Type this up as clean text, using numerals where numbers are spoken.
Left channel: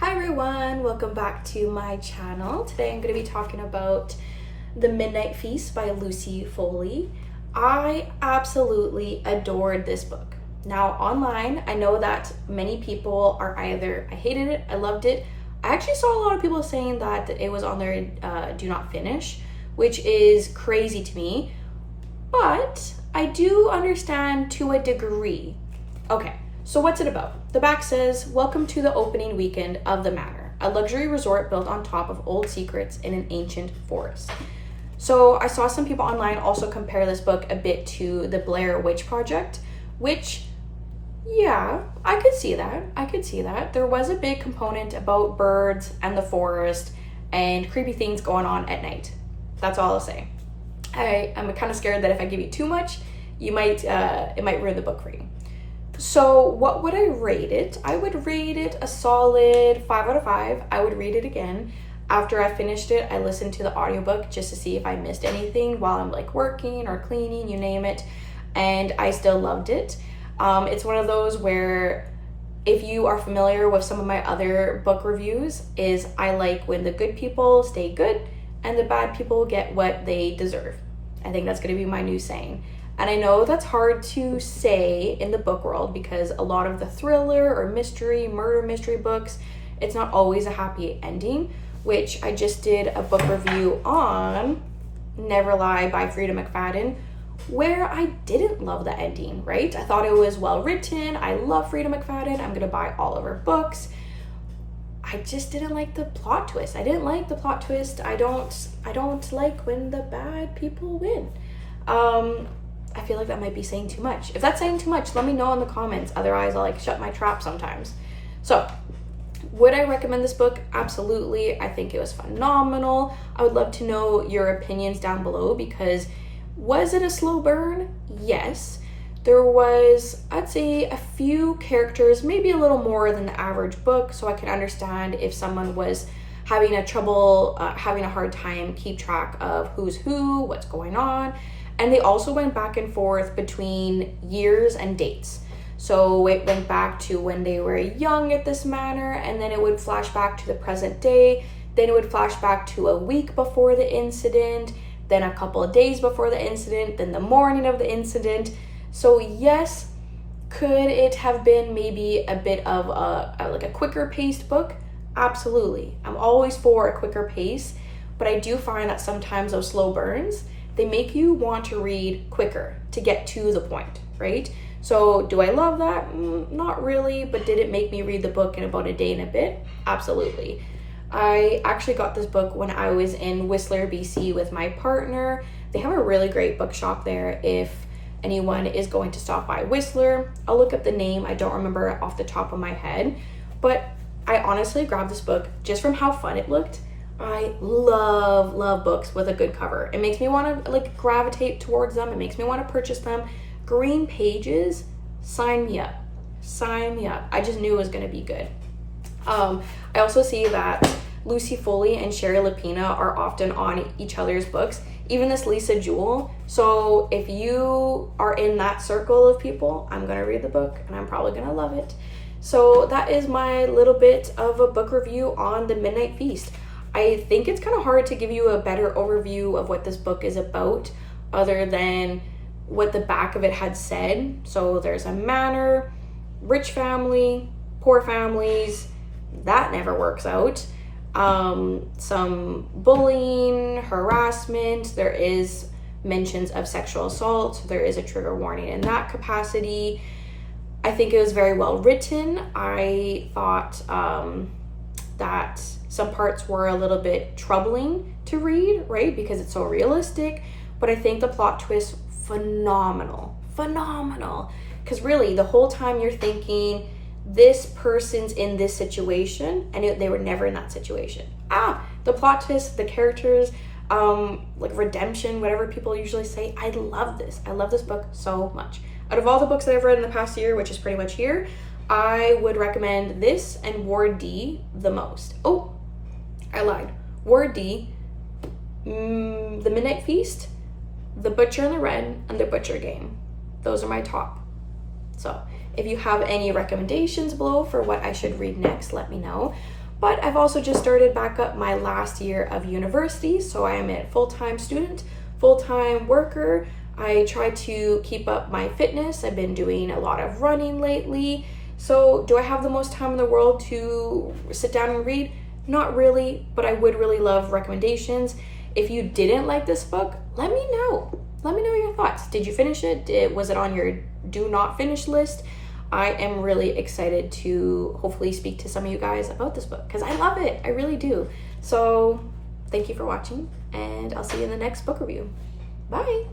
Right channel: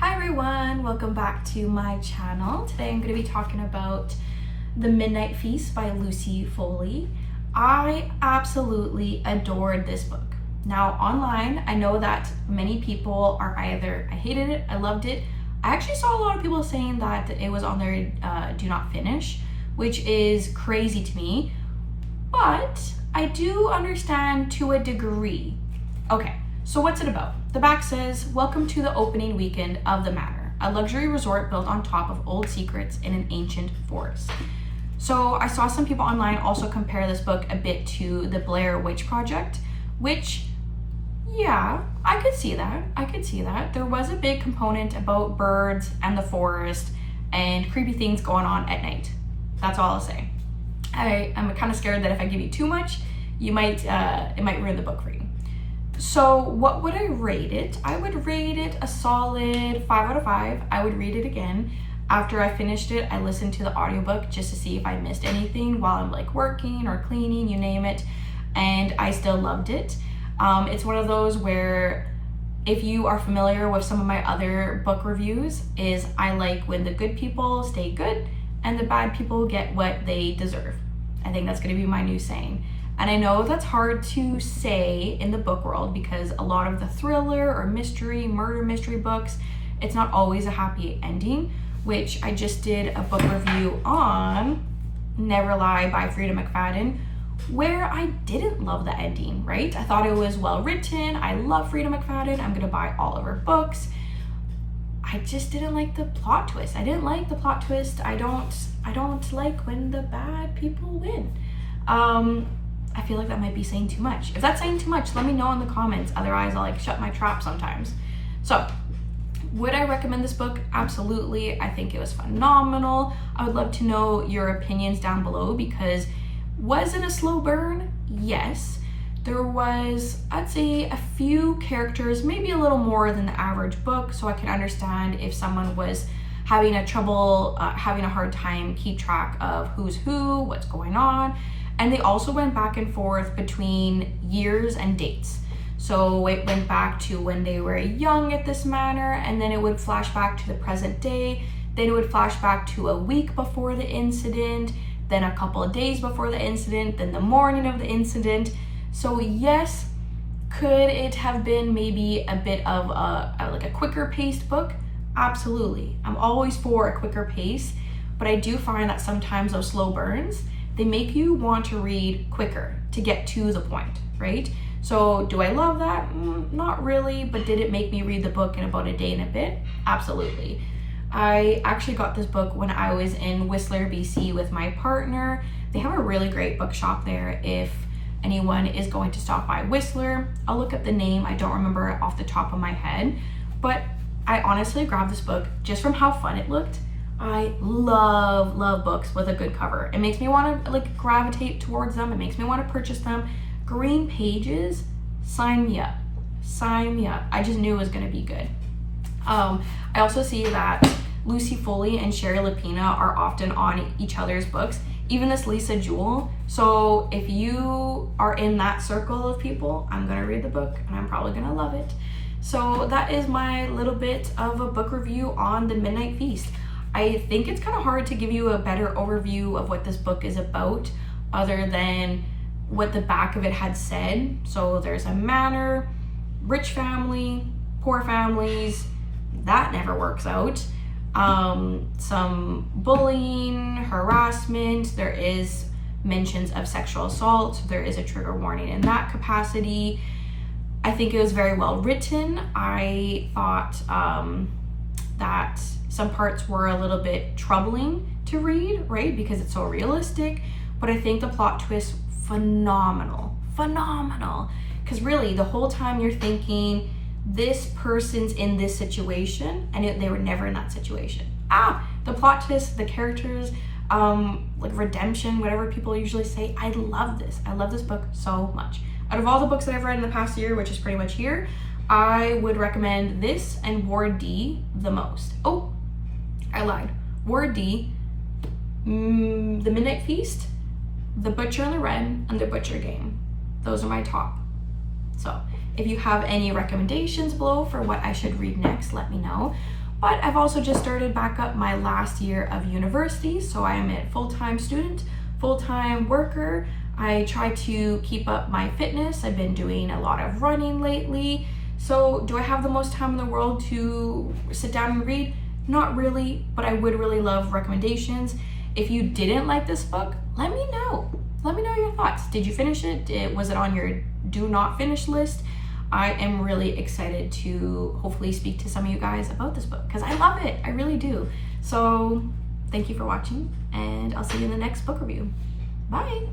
Hi everyone, welcome back to my channel. Today I'm going to be talking about The Midnight Feast by Lucy Foley. I absolutely adored this book. Now online, I know that many people are either I hated it, I loved it. I actually saw a lot of people saying that it was on their do not finish, which is crazy to me, but I do understand to a degree. Okay, so what's it about? The back says, welcome to the opening weekend of the manor, a luxury resort built on top of old secrets in an ancient forest. So I saw some people online also compare this book a bit to the Blair Witch Project, which, yeah, I could see that. There was a big component about birds and the forest and creepy things going on at night. That's all I'll say. I'm kind of scared that if I give you too much, it might ruin the book for you. So what would I rate it? I would rate it a solid 5 out of 5. I would read it again. After I finished it, I listened to the audiobook just to see if I missed anything while I'm like working or cleaning, you name it. And I still loved it. It's one of those where if you are familiar with some of my other book reviews, is I like when the good people stay good and the bad people get what they deserve. I think that's going to be my new saying. And I know that's hard to say in the book world because a lot of the thriller or murder mystery books, it's not always a happy ending, which I just did a book review on Never Lie by Frida McFadden, where I didn't love the ending, right? I thought it was well written. I love Frida McFadden. I'm gonna buy all of her books. I just didn't like the plot twist. I don't like when the bad people win. I feel like that might be saying too much. If that's saying too much, let me know in the comments. Otherwise, I'll like shut my trap sometimes. So, would I recommend this book? Absolutely. I think it was phenomenal. I would love to know your opinions down below because was it a slow burn? Yes. There was, I'd say, a few characters, maybe a little more than the average book, so I can understand if someone was having a hard time keep track of who's who, what's going on. And they also went back and forth between years and dates. So it went back to when they were young at this manor, and then it would flash back to the present day. Then it would flash back to a week before the incident, then a couple of days before the incident, then the morning of the incident. So yes, could it have been maybe a bit of a quicker paced book? Absolutely. I'm always for a quicker pace, but I do find that sometimes those slow burns, they make you want to read quicker to get to the point, right? So do I love that? Not really, but did it make me read the book in about a day and a bit? Absolutely. I actually got this book when I was in Whistler, BC with my partner. They have a really great bookshop there if anyone is going to stop by Whistler. I'll look up the name. I don't remember it off the top of my head, but I honestly grabbed this book just from how fun it looked. I love books with a good cover. It makes me want to like gravitate towards them. It makes me want to purchase them. Green pages, sign me up. I just knew it was going to be good. I also see that Lucy Foley and Sherry Lapina are often on each other's books, even this Lisa Jewell. So if you are in that circle of people, I'm going to read the book and I'm probably going to love it. So that is my little bit of a book review on The Midnight Feast. I think it's kind of hard to give you a better overview of what this book is about other than what the back of it had said. So there's a manor, rich family, poor families, that never works out. Some bullying, harassment, there is mentions of sexual assault, so there is a trigger warning in that capacity. I think it was very well written. I thought that some parts were a little bit troubling to read, right? Because it's so realistic. But I think the plot twist, phenomenal. Because really, the whole time you're thinking, this person's in this situation, and they were never in that situation. The plot twist, the characters, like redemption, whatever people usually say. I love this. I love this book so much. Out of all the books that I've read in the past year, which is pretty much here, I would recommend this and Ward D the most. Oh, I lied. Ward D, The Midnight Feast, The Butcher and the Wren, and The Butcher Game. Those are my top. So if you have any recommendations below for what I should read next, let me know. But I've also just started back up my last year of university, so I am a full-time student, full-time worker. I try to keep up my fitness. I've been doing a lot of running lately. So do I have the most time in the world to sit down and read? Not really, but I would really love recommendations. If you didn't like this book, let me know. Let me know your thoughts. Did you finish it? Was it on your do not finish list? I am really excited to hopefully speak to some of you guys about this book because I love it. I really do. So thank you for watching, and I'll see you in the next book review. Bye.